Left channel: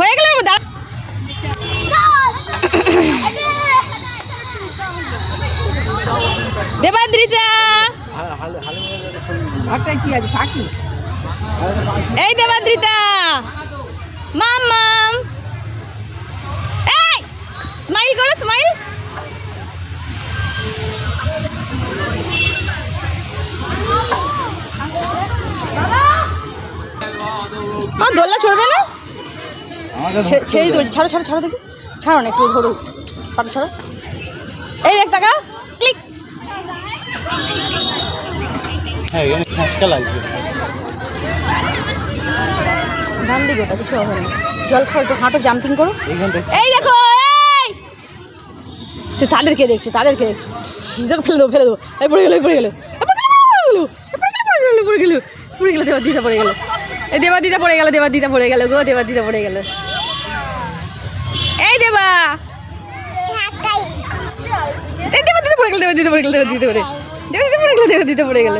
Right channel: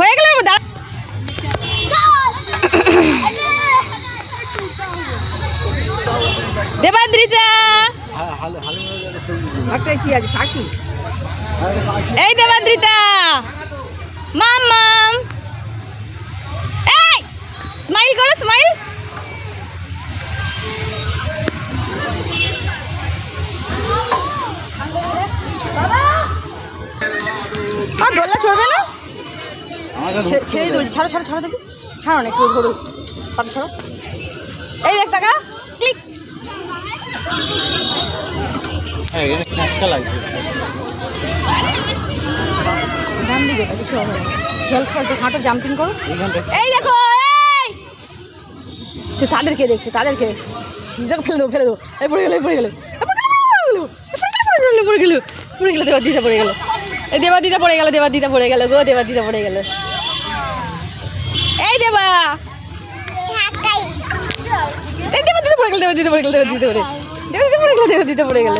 হয়ে গেল দেবাদ্রিতা, এই দেবাদ্রিতা, মাম্মাম, এই স্মাইল করো, স্মাইল। দোলনা চড়বে না, ছেড়ে দোল, ছাড়ো ছাড়ো ছাড়ো, দেখি ছাড়ো না, একটু ধরো, পাটা ছাড়ো। এই দেখ টাকা ক্লিক। ধান দিকে ওটা কিছু হবে না, জল খেলতে হাঁটো, জাম্পিং করো। এই দেখো, এই সে তাদেরকে দেখছে, তাদেরকে দেখছে, সিজাকে ফেলে দেবো, ফেলে দেবো। এই পড়ে গেলো, পড়ে গেলো, পড়ে গেলো, পড়ে গেলো, দেবাদিতা পড়ে গেলো, এই দেবাদিতা পড়ে গেল, দেবাদিতা পড়ে গেল গো, দেবাদিতা পড়ে গেল। এই দেবা, এই দেবাদিতা পড়ে গেল, দেবাদিতা পড়ে গেল, দেবাদিতা পড়ে গেল, দেবাদিতা পড়ে গেল, দেবাদিতা পড়ে গেল।